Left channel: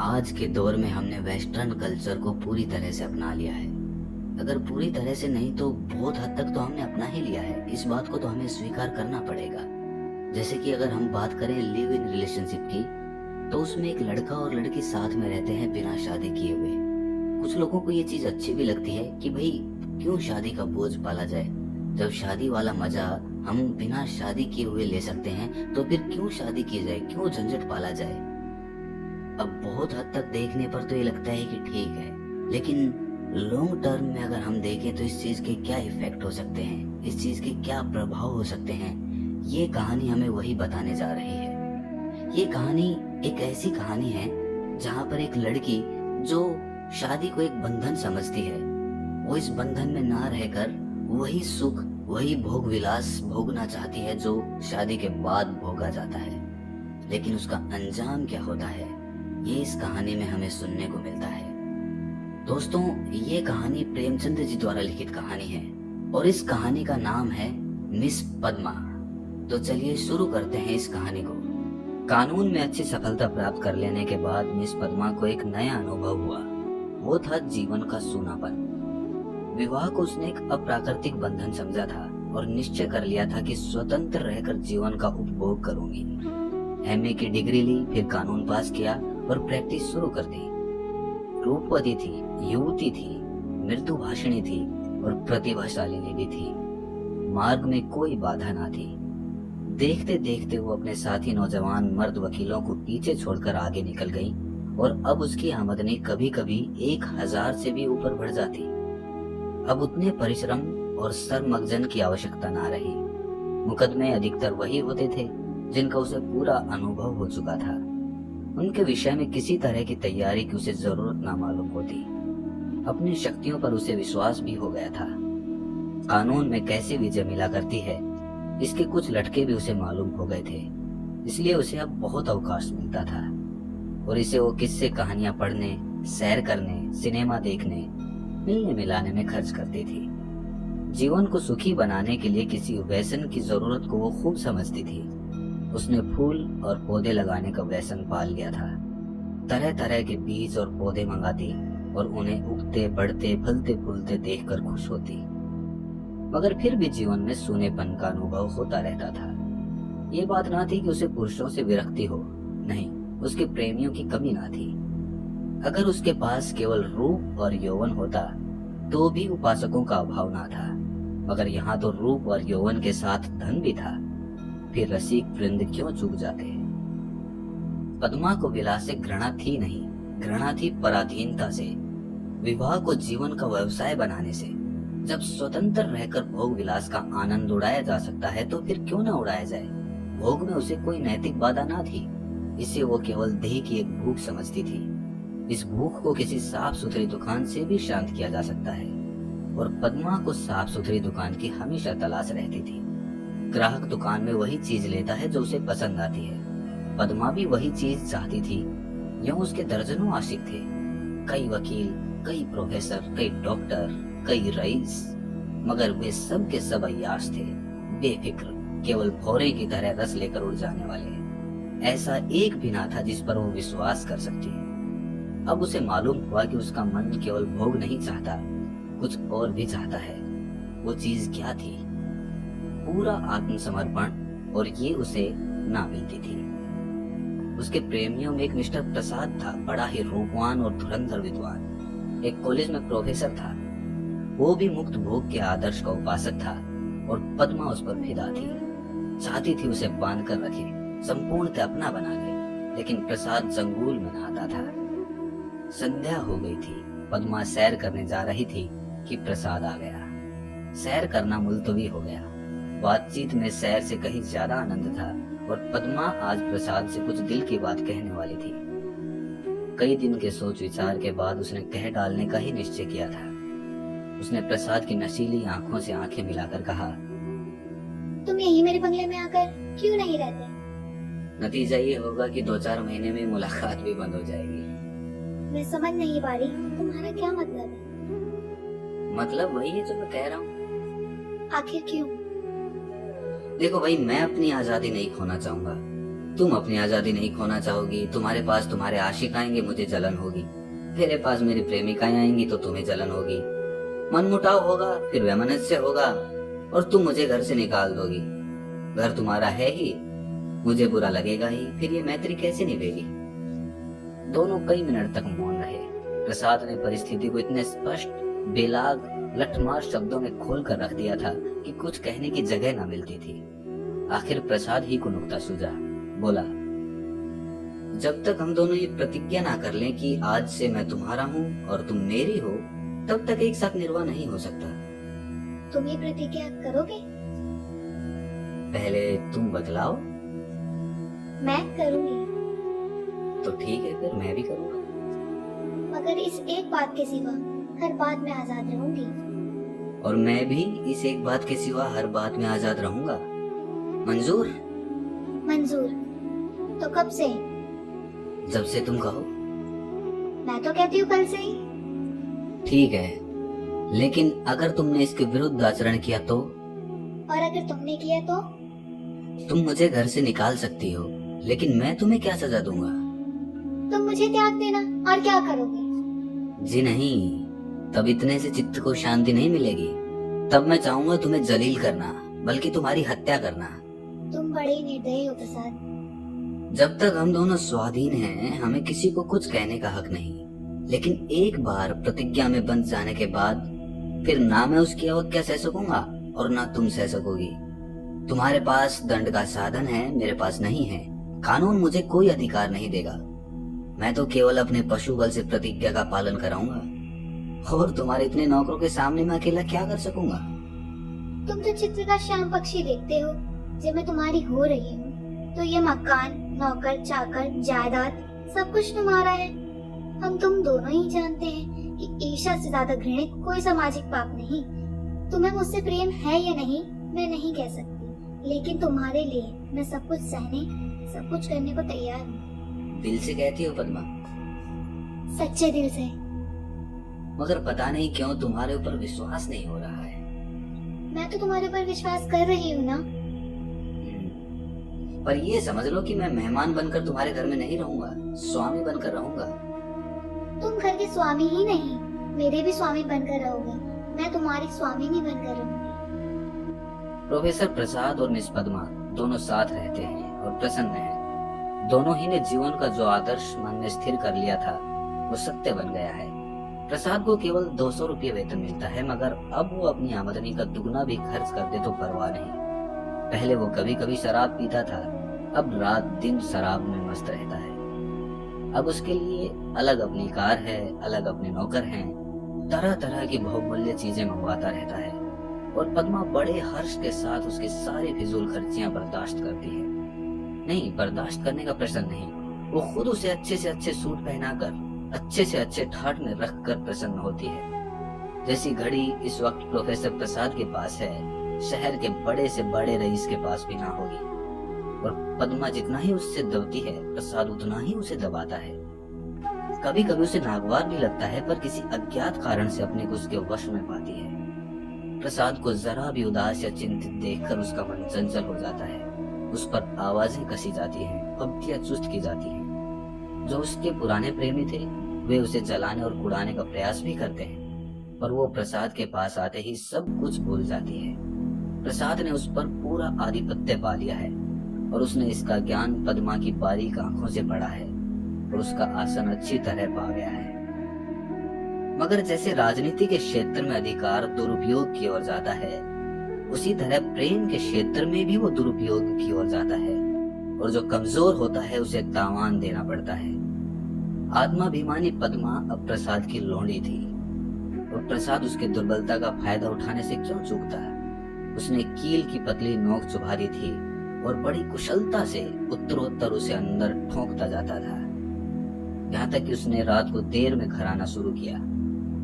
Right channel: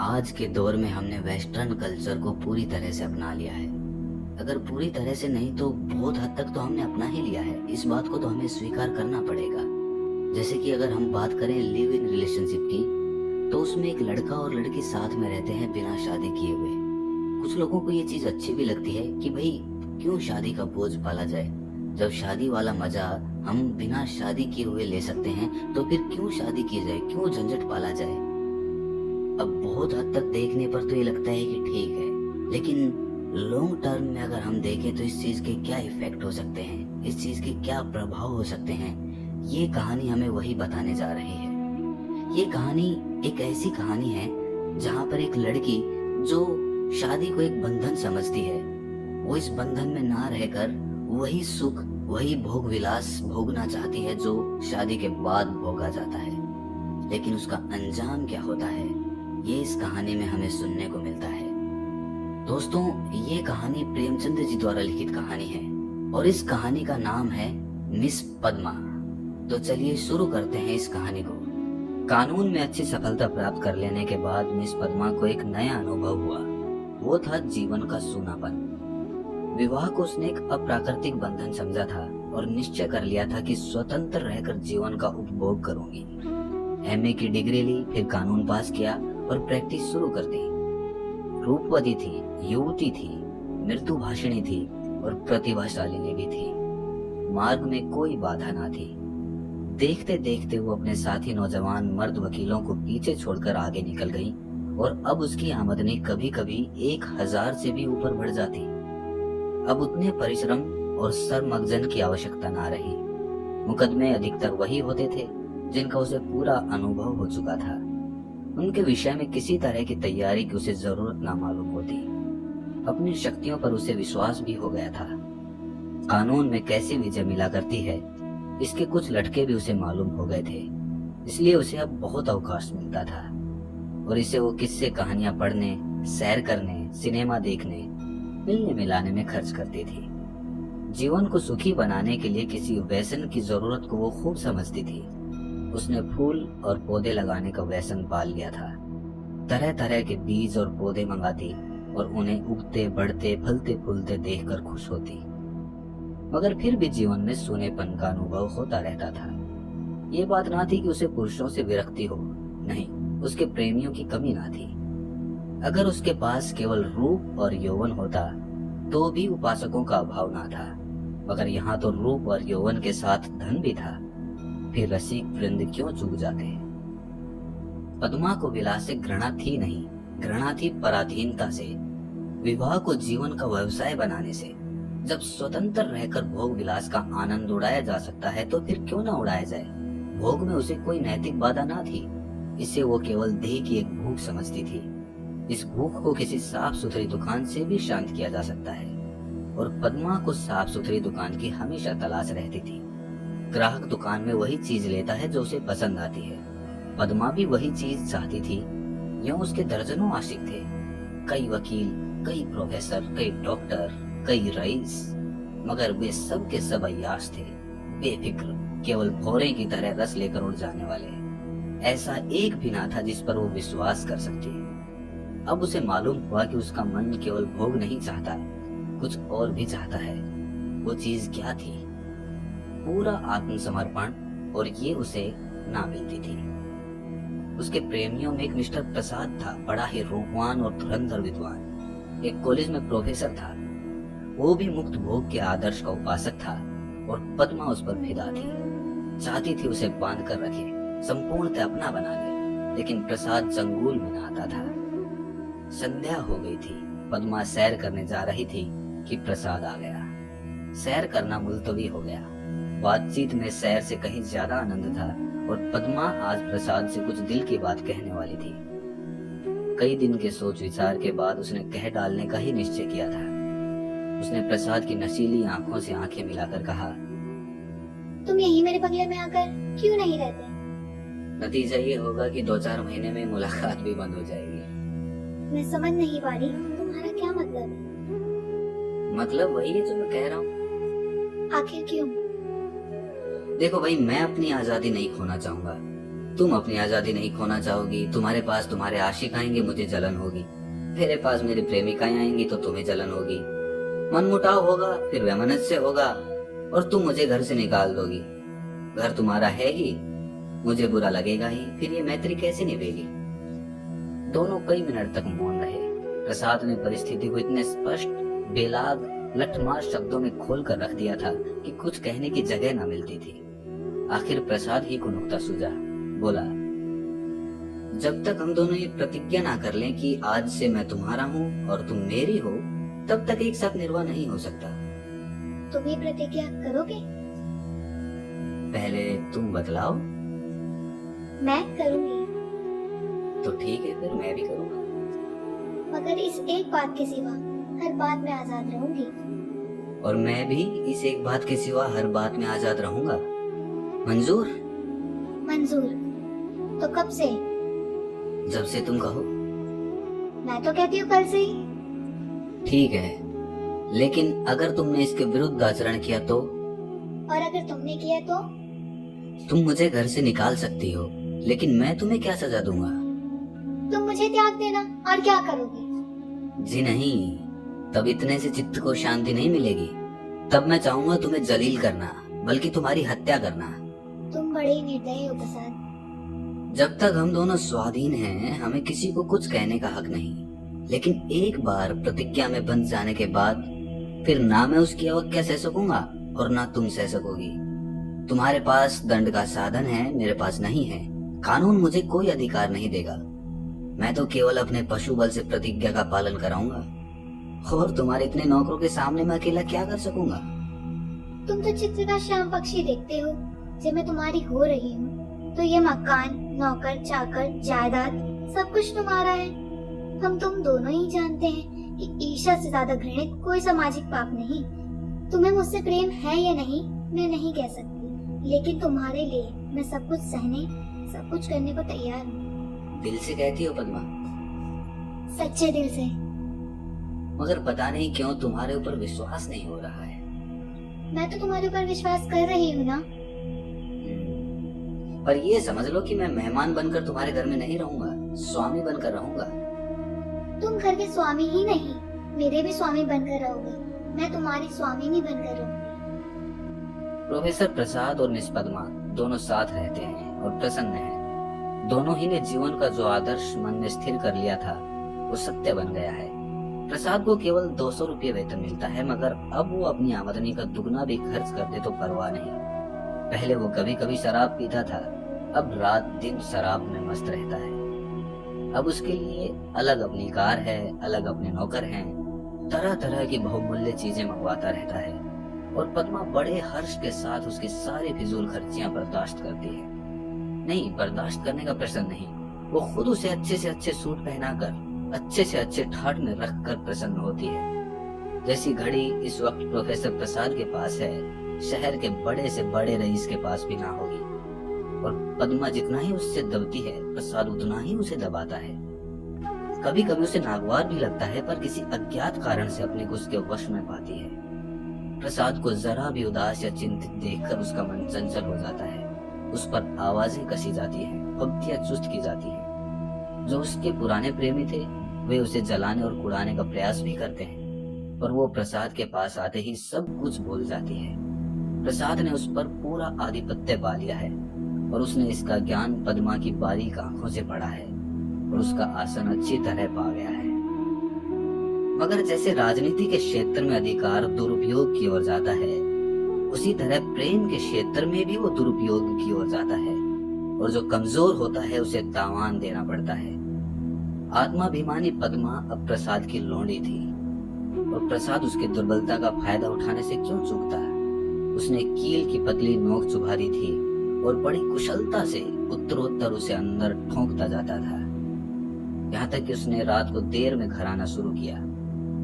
आज के दौर में हमने वेस्टर्न कल्चर को पूरी तरह से अपना लिया है। अगर पूरी तरह से नहीं तो बहुत हद तक तो हमने अपना ही लिया है। इस बात को तो हमें स्वीकार करना पड़ेगा। जैसे कि अगर हम बात करें लिव इन रिलेशनशिप की, तो उसमें एक लड़का और लड़की साथ में रहते हैं बिना शादी किए हुए। कुछ लोगों को ये चीज अच्छी भी लगती है कि भाई क्यों शादी का बोझ पाला जाए, जब शादी वाला मजा हम बिना शादी किए हुए ले सकते हैं तो फिर क्यों शादी की जाए, क्यों झंझट पाला जाए। अब बहुत हद तक देखने पर तो ये लगता है कि ठीक है, लेकिन लॉन्ग टर्म में अगर हम देखें तो इस चीज के क्या इफेक्ट हो सकते हैं, इस चीज के क्या प्रभाव हो सकते हैं, ये कहानी हमें वही बताने जा रही है। ये कहानी एक ऐसी कहानी है जहाँ पर एक लड़की जो शादी को एक बंधन समझती है, वो इस बंधन में ना रहकर वही सुख वही भोग विलास भोगना चाहती है जो शादी के बाद भोगा जाता है। लेकिन उसका अंजाम क्या होता है, ये इस कहानी में हमें सुनने को मिलता है। दोस्तों, ये कहानी प्रेमचंद जी द्वारा लिखित कहानी है और इस कहानी का नाम है मिस पद्मा। तो चलिए शुरू करते हैं इस कहानी को। कानून में अच्छी सफलता प्राप्त कर लेने के बाद मिस पद्मा को एक नया अनुभव हुआ। वो था जीवन का सूनापन। विवाह को उसने एक अप्राकृतिक बंधन समझा था और निश्चय कर लिया था कि स्वतंत्र रहकर जीवन का उपभोग करूंगी। एमए की डिग्री ली, फिर कानून पास किया और प्रैक्टिस शुरू कर दी। रूपवती थी, युवती थी, मृदुभाषिणी थी और प्रतिभाशालिनी भी थी। मार्ग में कोई बाधा ना थी। देखते देखते वो अपने साथी नौजवान मर्द वकीलों को पीछे छोड़कर आगे निकल गई और अब उसकी आमदनी कभी कभी 1000 से भी ऊपर बढ़ जाती। अब उतने परिश्रम और सरमगजन की आवश्यकता ना रही। मुकदमे अधिकतर वही होते थे जिनका उसे पूरा अनुभव हो चुका था। उनके विषय में किसी तरह की तैयारी की उसे जरूरत ना मालूम होती। अपनी शक्तियों पर उसे विश्वास भी हो गया था। कानून में कैसे विजय मिला करती है, इसके कुछ लटके भी उसे मालूम हो गए थे। इसलिए उसे अब बहुत अवकाश मिलता था और इसे वो किस्से कहानियां पढ़ने, सैर करने, सिनेमा देखने, मिलने मिलाने में खर्च करती थी। जीवन को सुखी बनाने के लिए किसी व्यसन की जरूरत को वो खूब समझती थी। उसने फूल और पौधे लगाने का व्यसन पाल लिया था। तरह तरह के बीज और पौधे मंगाती और उन्हें उगते बढ़ते फलते फूलते देखकर खुश होती। मगर फिर भी जीवन में सूनेपन का अनुभव होता रहता था। ये बात ना थी कि उसे पुरुषों से विरक्ति हो, नहीं, उसके प्रेमियों की कमी ना थी। अगर उसके पास केवल रूप और यौवन होता तो भी उपासकों का अभाव ना था। मगर यहाँ तो रूप और यौवन के साथ धन भी था, फिर रसिक वृंद क्यों चूक जाते। पद्मा को विलास से घृणा थी नहीं, घृणा थी पराधीनता से, विवाह को जीवन का व्यवसाय बनाने से। जब स्वतंत्र रहकर भोग विलास का आनंद उड़ाया जा सकता है तो फिर क्यों ना उड़ाया जाए। भोग में उसे कोई नैतिक बाधा ना थी। इसे वो केवल देह की एक भूख समझती थी। इस भूख को किसी साफ सुथरी दुकान से भी शांत किया जा सकता है और पद्मा को साफ सुथरी दुकान की हमेशा तलाश रहती थी। ग्राहक दुकान में वही चीज लेता है जो उसे पसंद आती है। पद्मा भी वही चीज चाहती थी। यूं उसके दर्जनों आशिक थे, कई वकील, कई प्रोफेसर, कई डॉक्टर, कई रईस, मगर वे सब के सब अय्याश थे, बेफिक्र, केवल भौरे की तरह रस लेकर उड़ जाने वाले। ऐसा एक भी ना था जिस पर वो विश्वास कर सकती। अब उसे मालूम हुआ कि उसका मन केवल भोग नहीं चाहता, कुछ और भी चाहता है। वो चीज क्या थी? पूरा आत्मसमर्पण, और ये उसे ना मिलती थी। उसके प्रेमियों में एक मिस्टर प्रसाद था, बड़ा ही रूपवान और धुरंधर विद्वान। एक कॉलेज में प्रोफेसर था। वो भी मुक्त भोग के आदर्श का उपासक था और पद्मा उस पर फिदा थी। चाहती थी उसे बांध कर रखे, संपूर्णतः अपना बना ले, लेकिन प्रसाद जंगूल में नहाता था। संध्या हो गई थी। पद्मा सैर करने जा रही थी कि प्रसाद आ गया। सैर करना मुलतवी हो गया। बातचीत में सैर से कहीं ज्यादा आनंद था और पद्मा आज प्रसाद से कुछ दिल की बात कहने वाली थी। कई दिन के सोच विचार के बाद उसने कह डालने का ही निश्चय किया था। उसने प्रसाद की नशीली आंखों से आंखें मिलाकर कहा, तुम यही मेरे बंगले में आकर क्यों नहीं रहते? नतीजा ये होगा कि 2-4 महीने में मुलाकात भी बंद हो जाएगी। मैं समझ नहीं पा रही, तुम्हारा क्या मतलब है? मतलब वही है जो मैं कह रहा हूँ। आखिर क्यों? देखो भाई, मैं अपनी आजादी नहीं खोना चाहूंगा। तुम अपनी आजादी नहीं खोना चाहोगी, तुम्हारे पास तुम्हारे आशिक आएंगे, मुझे जलन होगी। मेरे पास मेरी प्रेमिकाएं आएंगी तो तुम्हें जलन होगी। मनमुटाव होगा, फिर वैमनस्य होगा और तुम मुझे घर से निकाल दोगी। घर तुम्हारा है ही, मुझे बुरा लगेगा ही, फिर ये मैत्री कैसे निभेगी? दोनों कई मिनट तक मौन रहे। प्रसाद ने परिस्थिति को इतने स्पष्ट, बेलाग, लठमार शब्दों में खोल कर रख दिया था कि कुछ कहने की जगह न मिलती थी। आखिर प्रसाद ही को नुक्ता सूझा। बोला, जब तक हम दोनों ये प्रतिज्ञा ना कर लें कि आज से मैं तुम्हारा हूँ और तुम मेरी हो, तब तक एक साथ निर्वाह नहीं हो सकता। तुम ये प्रतिज्ञा करोगे? पहले तुम बतलाओ। मैं करूंगी, तो ठीक है, फिर मैं भी करूंगा। मगर इस एक बात के सिवा हर बात में आजाद रहूंगी। और मैं भी इस एक बात के सिवा हर बात में आजाद रहूंगा। मंजूर? मंजूर। तो कब से? जब से तुम कहो। मैं तो कहती हूँ कल से ही। ठीक है, लेकिन अगर तुमने इसके विरुद्ध आचरण किया तो? और अगर तुमने किया तो? तुम मुझे घर से निकाल सकती हो, लेकिन मैं तुम्हें क्या सजा दूंगा? तुम मुझे त्याग देना और क्या करोगे? जी नहीं, तब इतने से चित्त को शांति नहीं मिलेगी। तब मैं चाहूंगा तुम्हें जलील करना, बल्कि तुम्हारी हत्या करना। तुम बड़े ही निर्दयी हो प्रसाद। जब तक हम दोनों स्वाधीन हैं, हमें किसी को कुछ कहने का हक नहीं। लेकिन एक बार प्रतिज्ञा में बंध जाने के बाद फिर ना मैं उसकी अवज्ञा सह सकूंगा और ना तुम सह सकोगी। तुम्हारे पास दंड का साधन है, मेरे पास नहीं है। कानून मुझे कोई अधिकार नहीं देगा। मैं तो केवल अपने पशु बल से प्रतिज्ञा का पालन कराऊंगा। और तुम्हारे इतने नौकरों के सामने मैं अकेला क्या कर सकूंगा? तुम तो चित्र का श्याम पक्षी देखते हो। जब मैं तुम्हारी हो रही हूँ तो ये मकान, नौकर, चाकर, जायदाद सब कुछ तुम्हारा है। हम तुम दोनों ही जानते हैं कि ईर्ष्या से ज्यादा घृणित कोई सामाजिक पाप नहीं। तुम्हें मुझसे प्रेम है या नहीं मैं नहीं कह सकती, लेकिन तुम्हारे लिए मैं सब कुछ सहने, सब कुछ करने को तैयार हूँ। दिल से कहती हो पद्मा? सच्चे दिल से। मगर पता नहीं क्यों तुम्हारे ऊपर विश्वास नहीं हो रहा है। मैं तो तुम्हारे ऊपर विश्वास कर रही हूँ ना। पर ये समझ लो कि मैं मेहमान बनकर तुम्हारे घर में नहीं रहूंगा, स्वामी बनकर रहूंगा। तुम घर के स्वामी ही नहीं, मेरे भी स्वामी बनकर रहोगे। मैं तुम्हारी स्वामिनी बनकर रहूंगी। प्रोफेसर प्रसाद और मिस पद्मा दोनों साथ रहते हैं और प्रसन्न हैं। दोनों ही ने जीवन का जो आदर्श मन में स्थिर कर लिया था वो सत्य बन गया है। प्रसाद को केवल 200 रुपये वेतन मिलता है, मगर अब वो अपनी आमदनी का दुगना भी खर्च कर दे तो परवाह नहीं। पहले वो कभी कभी शराब पीता था, अब रात दिन शराब में मस्त रहता है। अब उसके लिए अलग अपनी कार है, अलग अपने नौकर हैं, तरह तरह की बहुमूल्य चीजें मंगवाता रहता है। और पद्मा बड़े हर्ष के साथ उसकी सारी फिजूल खर्चियां बर्दाश्त करती है। नहीं, बर्दाश्त करने का प्रश्न नहीं, वो खुद उसे अच्छे से अच्छे सूट पहनाकर, अच्छे से अच्छे ठाट में रख कर प्रसन्न होती है। जैसी घड़ी इस वक्त प्रोफेसर प्रसाद के पास है, शहर के बड़े से बड़े रईस के पास भी ना होगी। और पद्मा जितना ही उससे दबती है, प्रसाद उतना ही उसे दबाता है। कभी कभी उसे नागवार भी लगता है, पर किसी अज्ञात कारण से अपने को उसके वश में पाती है। प्रसाद को जरा भी उदास या चिंतित देखकर उसका मन चंचल हो जाता है। उस पर आवाजें कसी जाती हैं, पंक्तियां चुस्त की जाती हैं। जो उसके पुराने प्रेमी थे वे उसे जलाने और उड़ाने का प्रयास भी करते हैं, पर वो प्रसाद के पास आते ही सब कुछ भूल जाती है। प्रसाद ने उस पर पूरा आधिपत्य पा लिया है और उसने इसका ज्ञान पद्मा की बारीक आंखों से पढ़ा है और उसका आसन अच्छी तरह पा गया है। मगर जैसे राजनीति के क्षेत्र में अधिकार दुरुपयोग की ओर जाता है, उसी तरह प्रेम के क्षेत्र में भी वो दुरुपयोग की ओर जाता है और जो कमजोर होता है उसे तावान देना पड़ता है। आत्माभिमानी पद्मा अब प्रसाद की लोंडी थी और प्रसाद उसकी दुर्बलता का फायदा उठाने से क्यों चूकता? उसने कील की पतली नोक चुभा दी थी और बड़ी कुशलता से उत्तरोत्तर उसे अंदर ठोंकता जाता था। यहाँ तक कि उसने रात को देर में घर आना शुरू किया।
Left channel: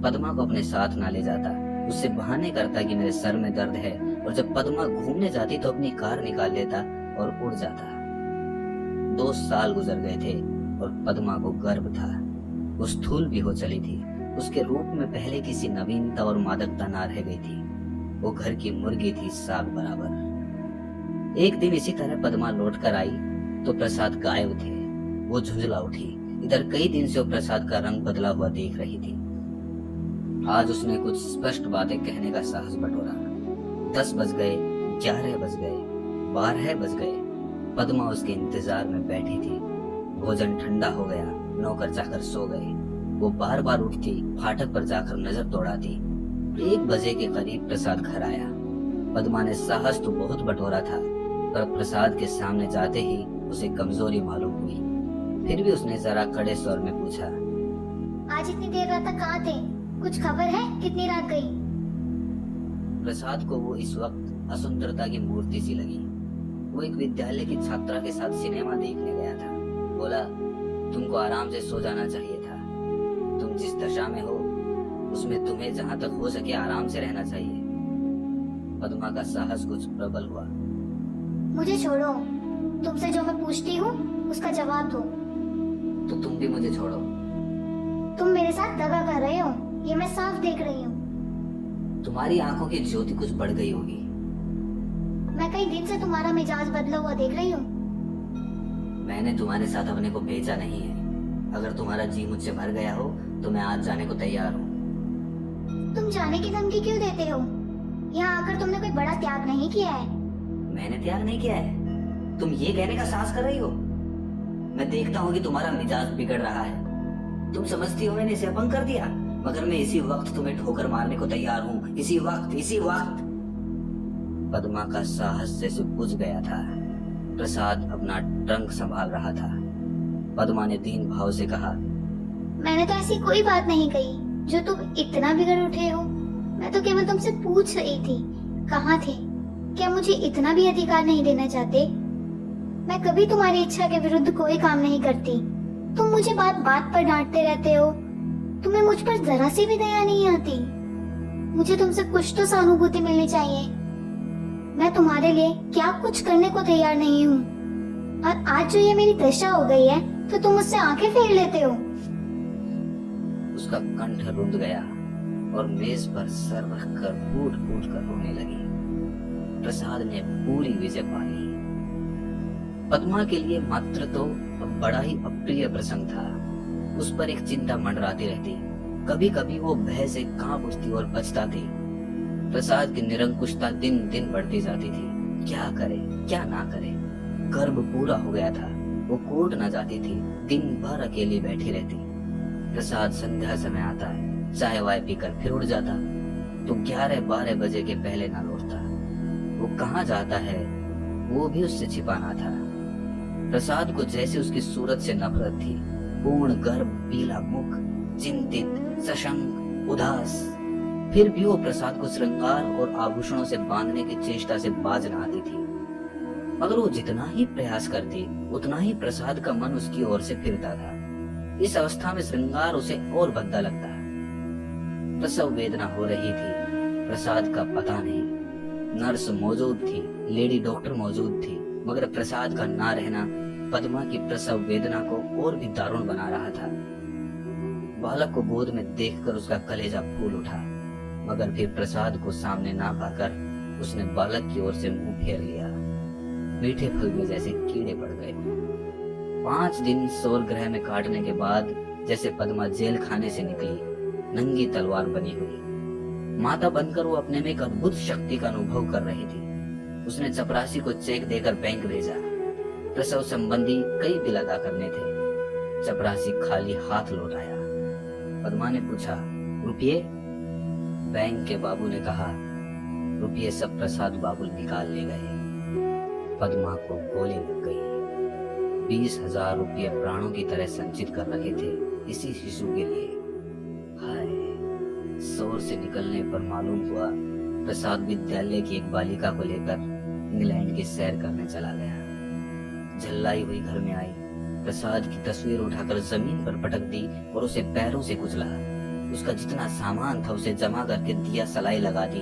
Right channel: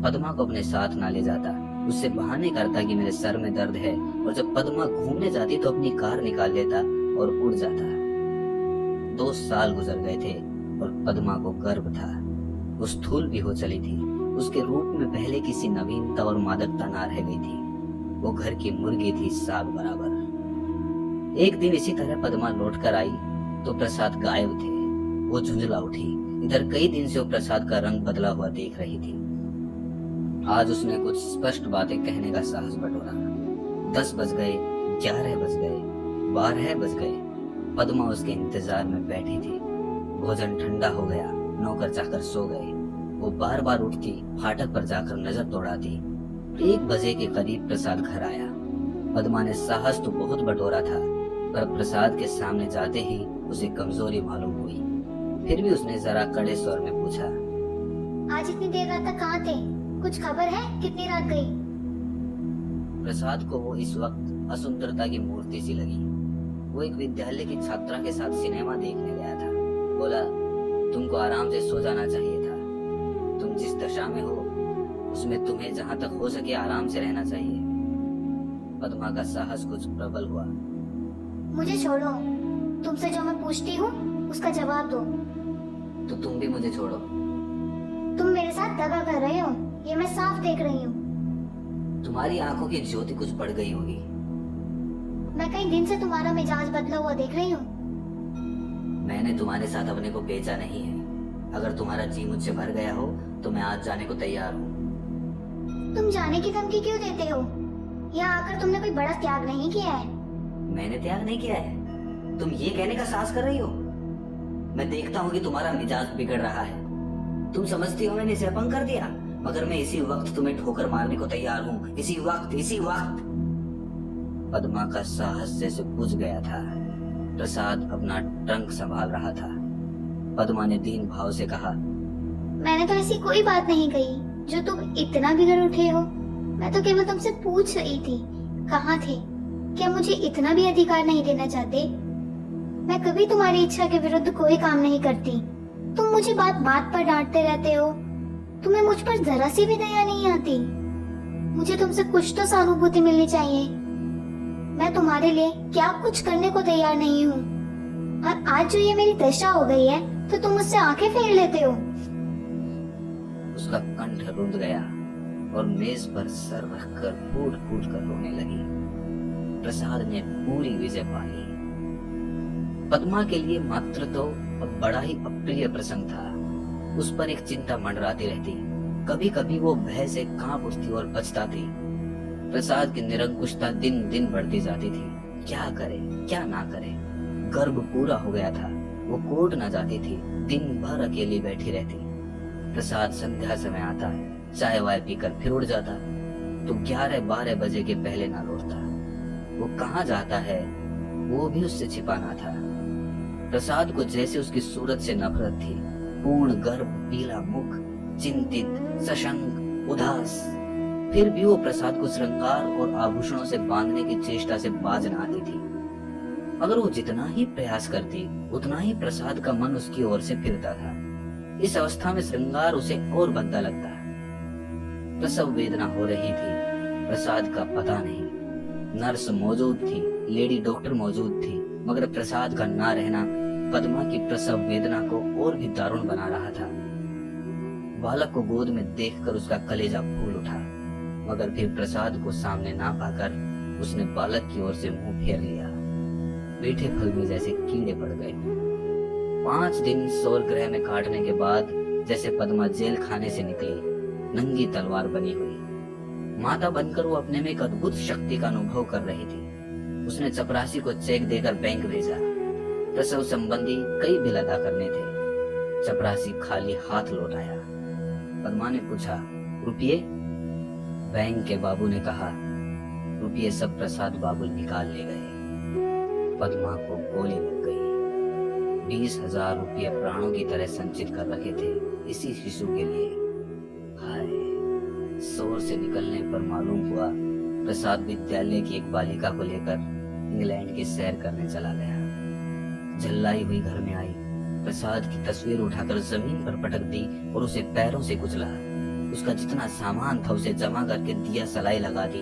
पद्मा को अपने साथ ना ले जाता, उससे बहाने करता कि मेरे सर में दर्द है, और जब पद्मा घूमने जाती तो अपनी कार निकाल लेता और उड़ जाता। 2 साल गुजर गए थे और पद्मा को गर्व था। वो स्थूल भी हो चली थी। उसके रूप में पहले किसी नवीनता और मादकता ना रह गई थी। वो घर की मुर्गी थी, साग बराबर। एक दिन इसी तरह पद्मा लौट कर आई तो प्रसाद गायब थे। वो झुंझला उठी। इधर कई दिन से वो प्रसाद का रंग बदला हुआ देख रही थी। आज उसने कुछ स्पष्ट बातें कहने का साहस बटोरा। 10 बज गए, 11 बज गए, 12 बज गए। पद्मा उसके इंतजार में बैठी थी। भोजन ठंडा हो गया, नौकर जाकर सो गए। वो बार बार उठती, फाटक पर जाकर नजर दौड़ाती। 1 बजे के करीब प्रसाद घर आया। पद्मा ने साहस तो बहुत बटोरा था, पर प्रसाद के सामने जाते ही उसे कमजोरी मालूम हुई। फिर भी उसने जरा कड़े स्वर में पूछा, आज इतनी देर रात तक कहाँ थे? कुछ खबर है कितनी रात गई? प्रसाद को वो इस वक्त असुंदरता की मूर्ति सी लगी। वो एक विद्यालय की छात्रा के साथ सिनेमा देखने गया था। बोला, तुमको आराम से सो जाना चाहिए था। तुम जिस दशा में हो उसमें तुम्हें जहाँ तक हो सके आराम से रहना चाहिए। पद्मा का साहस कुछ प्रबल हुआ। मुझे छोड़ो, तुमसे जो मैं पूछती हूँ उसका जवाब दो। तो तुम भी मुझे छोड़ो। तुम मेरे साथ दगा कर रहे हो, ये मैं साफ देख रही हूँ। तुम्हारी आंखों की ज्योति कुछ बढ़ गई होगी। मैं कई दिन से तुम्हारा मिजाज बदला हुआ देख रही हूँ। मैंने तुम्हारे साथ अपने को बेचा नहीं है। अगर तुम्हारा जी मुझसे भर गया हो तो मैं आज जाने को तैयार हूँ। तुम जाने की धमकी क्यों देते हो? यहाँ आकर तुमने कोई बड़ा त्याग नहीं किया है। मैंने त्याग नहीं किया है, तुम ये कहने का साहस कर रही हो। मैं देखता हूँ कि तुम्हारा मिजाज बिगड़ रहा है। तुम समझती हो मैंने इसे अपंग कर दिया, मगर मैं इसी वक्त तुम्हें ठोकर मारने को तैयार हूँ। इसी वक्त। पद्मा का साहस जैसे बुझ गया था। प्रसाद अपना ट्रंक संभाल रहा था। पद्मा ने दीन भाव से कहा, मैंने तो ऐसी कोई बात नहीं कही जो तुम इतना बिगड़ उठे हो। मैं तो केवल तुमसे पूछ रही थी, कहाँ थे? क्या मुझे इतना भी अधिकार नहीं देना चाहते? मैं कभी तुम्हारी इच्छा के विरुद्ध कोई काम नहीं करती। तुम मुझे बात बात पर डांटते रहते हो। तुम्हें मुझ पर जरा सी भी दया नहीं आती। मुझे तुमसे कुछ तो सहानुभूति मिलनी चाहिए। मैं तुम्हारे लिए क्या कुछ करने को तैयार नहीं हूँ, और आज जो ये मेरी दशा हो गई है तो तुम मुझसे आंखें फेर लेते हो। उसका कंठ रुंध गया और मेज पर सर रखकर फूट फूट कर रोने लगी। प्रसाद ने पूरी विजय पा ली। पद्मा के लिए मात्र तो बड़ा ही अप्रिय प्रसंग था। उस पर एक चिंता मंडराती रहती। कभी कभी वो भय से कांप उठती और पछताती। प्रसाद की निरंकुशता दिन दिन बढ़ती जाती थी। क्या करे क्या ना करे। गर्भ पूरा हो गया था। वो कोर्ट न जाती थी, दिन भर अकेली बैठी रहती। प्रसाद संध्या समय आता, चाय वाय पीकर फिर उड़ जाता, तो 11-12 बजे के पहले ना लौटता। वो कहाँ जाता है वो भी उससे छिपाना था। प्रसाद को जैसे उसकी सूरत से नफरत थी। पूर्ण गर्भ, पीला मुख, चिंतित, सशंक, उदास। फिर भी वो प्रसाद को श्रृंगार और आभूषणों से बांधने की चेष्टा से बाज न आती थी। मगर वो जितना ही प्रयास करती उतना ही प्रसाद का मन उसकी ओर से फिरता था। इस अवस्था में श्रृंगार उसे और भद्दा लगता। प्रसव वेदना हो रही थी, प्रसाद का पता नहीं। नर्स मौजूद थी, लेडी डॉक्टर मौजूद थी, मगर प्रसाद का ना रहना पद्मा की प्रसव वेदना को और भी दारुण बना रहा था। बालक को गोद में देखकर उसका कलेजा फूल उठा, मगर फिर प्रसाद को सामने ना पाकर उसने बालक की ओर से मुंह फेर लिया। मीठे फल में जैसे कीड़े पड़ गए। 5 दिन सौर ग्रह में काटने के बाद जैसे पद्मा जेल खाने से निकली, नंगी तलवार बनी हुई। माता बनकर वो अपने में एक अद्भुत शक्ति का अनुभव कर रही थी। उसने चपरासी को चेक देकर बैंक भेजा। प्रसव संबंधी कई बिल अदा करने थे। चपरासी खाली हाथ लौट आया। पद्मा ने पूछा, रुपये? बैंक के बाबू ने कहा, रुपये सब प्रसाद बाबू निकाल ले गए। पद्मा को गोली लग गई। 20,000 रुपये प्राणों की तरह संचित कर रखे थे इसी शिशु के लिए। हाय, शोर से निकलने पर मालूम हुआ प्रसाद विद्यालय की एक बालिका को लेकर इंग्लैंड की सैर करने चला गया। झल्लाई हुई घर में आई, प्रसाद की तस्वीर उठाकर जमीन पर पटक दी और उसे पैरों से कुचला। उसका जितना सामान था उसे जमा करके दिया सलाई लगा दी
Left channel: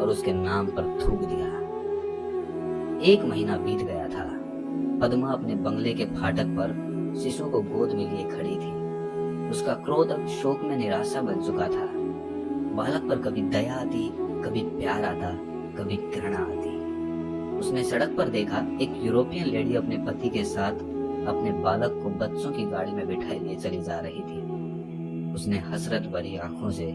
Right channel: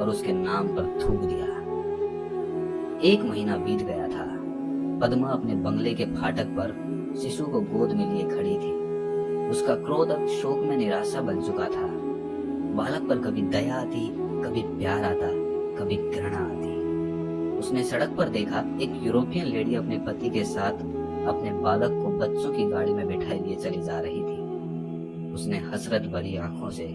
और उसके नाम पर थूक दिया। 1 महीना बीत गया था। पद्मा अपने बंगले के फाटक पर शिशु को गोद में लिए खड़ी थी। उसका क्रोध अब शोक में निराशा बन चुका था। बालक पर कभी दया आती, कभी प्यार आता, कभी घृणा आती। उसने सड़क पर देखा एक यूरोपियन लेडी अपने पति के साथ अपने बालक को बच्चों की गाड़ी में बिठाए लिए चली जा रही थी। उसने हसरत भरी आंखों से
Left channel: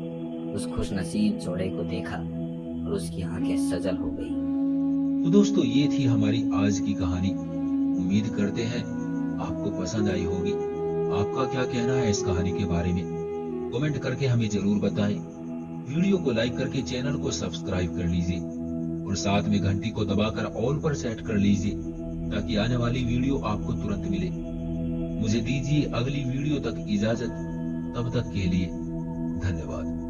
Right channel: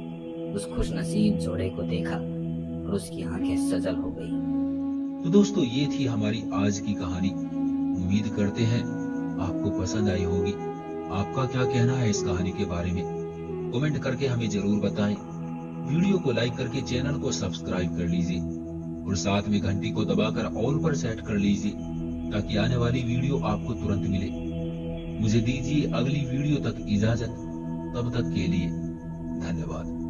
उस खुशनसीब जोड़े को देखा और उसकी आंखें सजल हो गई। तो दोस्तों, ये थी हमारी आज की कहानी। उम्मीद करते हैं आपको पसंद आई होगी। आपका क्या कहना है इस कहानी के बारे में? कमेंट करके हमें जरूर बताएं। वीडियो को लाइक करके चैनल को सब्सक्राइब कर लीजिए और साथ में घंटी को दबाकर ऑल पर सेट कर लीजिए ताकि आने वाली वीडियो आपको तुरंत मिले। मुझे दीजिए अगली वीडियो तक इजाजत। तब तक के लिए धन्यवाद।